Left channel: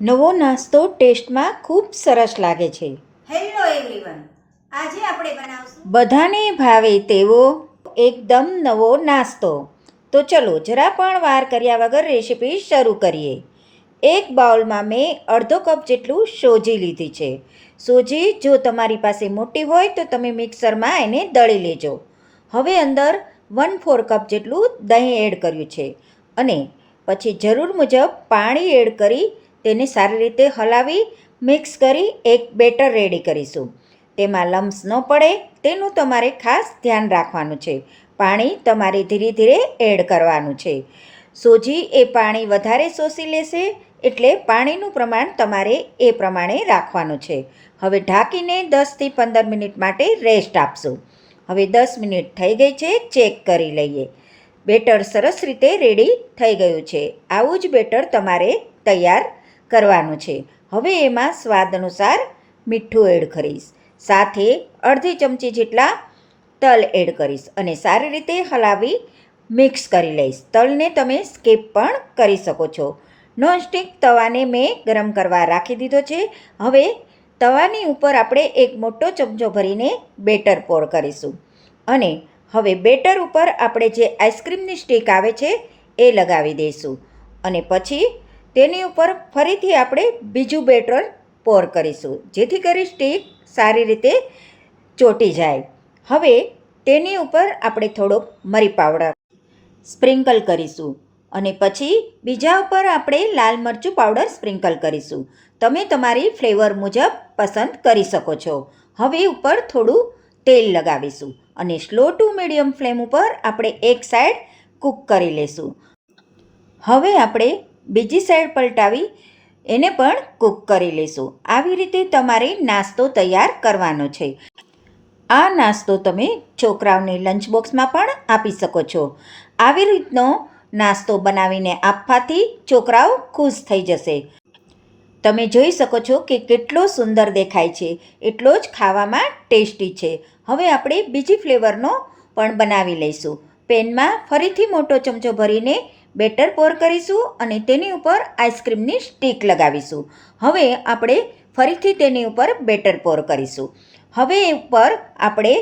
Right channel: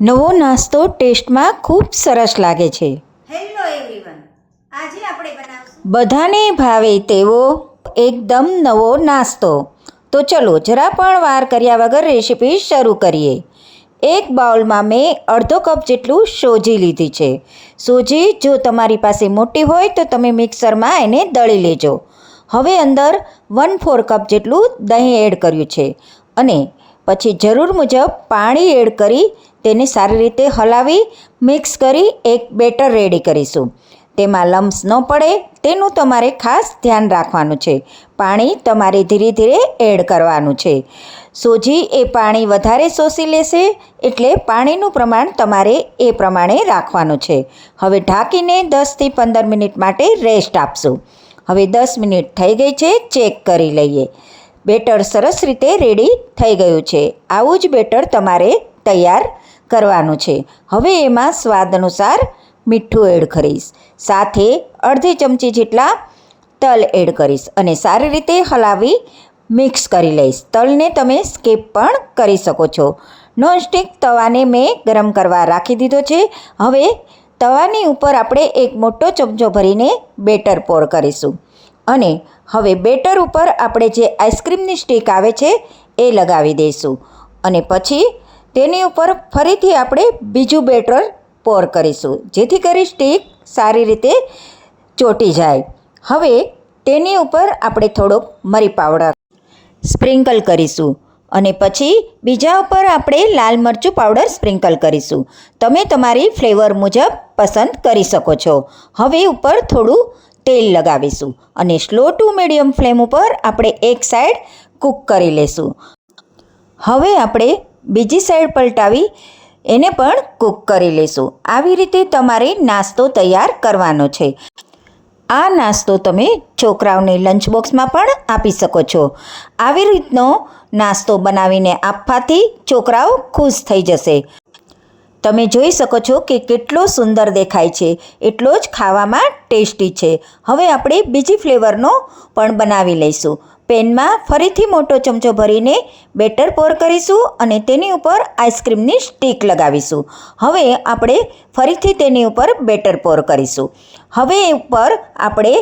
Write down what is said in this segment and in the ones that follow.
નવો નાસ્તો ટેસ્ટમાં ખૂબ સરસ લાગે છે. હેલો એવરીવન આજે આપણે બનાવશું બધાને ભાવે તેવો એકદમ નવો નાસ્તો. તો ચલો જરા પણ વાર કર્યા વગર રેસીપી શરૂ કરીએ. એક બાઉલમાં મેં અડધો કપ જેટલું સોજી લીધી છે. સોજી જો તમારી પાસે મોટી હોય તો તમે મિક્સરમાં એને દળી લેજો. હવે અંદર વન ફોર કપ જેટલું દહીં એડ કર્યું છે. અને પછી જરૂર મુજબ પાણી એડ કરી તેને સારી રીતે હલાવી, મિક્સ કરી એક બેટર રેડી કરીશું. તેમાં લમ્સ ન પડે, તેનું તમારે ખાસ ધ્યાન રાખવાનું છે. પાણી તમારે ધીરે ધીરે એડ કરવાનું છે. સોજી એ પાણી વધારે શોષી લેશે, એટલે પાણીનું પ્રમાણ તમારે એ પ્રમાણે રાખવાનું છે. હવે ઢાંકીને દસથી પંદર મિનિટ માટે રેસ્ટ આપશું. હવે દસ મિનિટ થઈ ગઈ છે, ચેક કરી લઈએ. બેટર સરસ રીતે રેડી થઈ ગયું છે. આવું જ બેટર તમારે તૈયાર કરવાનું છે. હવે એમાં સ્વાદ અનુસાર મીઠું એડ કરીશ. સાથે અડધી ચમચી જેટલા તલ એડ કરીશ અને સારી રીતે હલાવી મિક્સ કરી લઈશ. તલને તમે સ્કીપ પણ કરી શકો છો. નોનસ્ટિક તવાને મેં ગરમ કરવા રાખી દીધો છે. હવે તવાની ઉપર આપણે એક મોટો ચમચો ભરીને બેટર પોર કરીશું. અને હવે બેટર ઉપર આપણે જે આઈસ્ક્રીમની સ્ટીક આવે છે, એ લગાવી દઈશું. અને પછી તેની ઉપર ફરીથી આપણે બીજું બેટર પોર કરીશું. જેથી કરી સ્ટીક સારી રીતે ચોટી જાય. હવે તેની ઉપર આપણે થોડોક મરી પાવડર સ્પ્રિંકલ કરીશું અને પછી બીજા ઉપર આપણે લાલ મરચું પાવડર સ્પ્રિંકલ કરીશું. તમે તમારી ફ્લેવર મુજબ પસંદ કરી શકો છો. હવે ઉપર થોડું તેલ લગાવીશું અને સ્લો ટુ મીડિયમ ફ્લેમ ઉપર આપણે એક સાઈડ કૂક કરી લેશું. હવે આપણે બીજી સાઈડ પલટાવી એને પણ કૂક કરી લેશું આવી રીતે તમારે નાસ્તો તૈયાર કરવાનો છે. આ નાસ્તો તમે છોકરાઓને લંચ બોક્સમાં પણ આપી શકો છો. આવી રીતનો નાસ્તો બનાવીને આપવાથી છોકરાઓ ખુશ થઈ જશે. તમે જોઈ શકો છો કે કેટલો સુંદર દેખાય છે. એટલો જ ખાવામાં ટેસ્ટી છે. હવે આપણે બીજી ફ્લેવરનો પણ બનાવી લઈશું. પેનમાં ફરીથી મોટો ચમચો ભરીને બેટર પોર કરીશું અને તેની ઉપર આઈસ્ક્રીમની સ્ટીક લગાવીશું. હવે આપણે ફરીથી તેની ઉપર બેટર પોર કરીશું. હવે ઉપર આપણે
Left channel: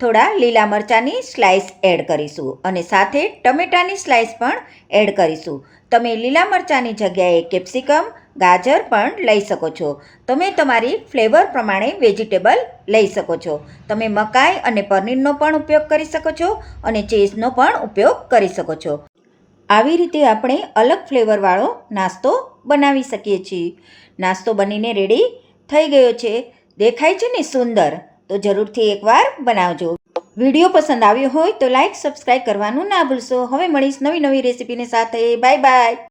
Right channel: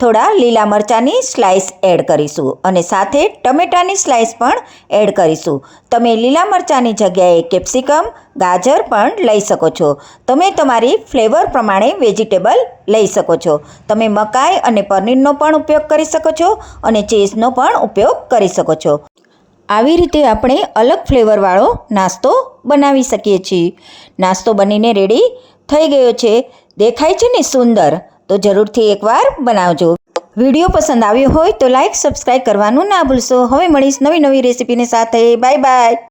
થોડા લીલા મરચાંની સ્લાઇસ એડ કરીશું અને સાથે ટમેટાની સ્લાઇસ પણ એડ કરીશું. તમે લીલા મરચાંની જગ્યાએ કેપ્સિકમ ગાજર પણ લઈ શકો છો. તમે તમારી ફ્લેવર પ્રમાણે વેજીટેબલ લઈ શકો છો. તમે મકાઈ અને પનીરનો પણ ઉપયોગ કરી શકો છો અને ચીઝનો પણ ઉપયોગ કરી શકો છો. આવી રીતે આપણે અલગ ફ્લેવરવાળો નાસ્તો બનાવી શકીએ છીએ. નાસ્તો બનીને રેડી થઈ ગયો છે. દેખાય છે ને સુંદર? તો જરૂરથી એકવાર બનાવજો. વીડિયો પસંદ આવ્યો હોય તો લાઈક સબસ્ક્રાઈબ કરવાનું ના ભૂલશો. હવે મળીશ નવી નવી રેસીપીની સાથે. Bye bye.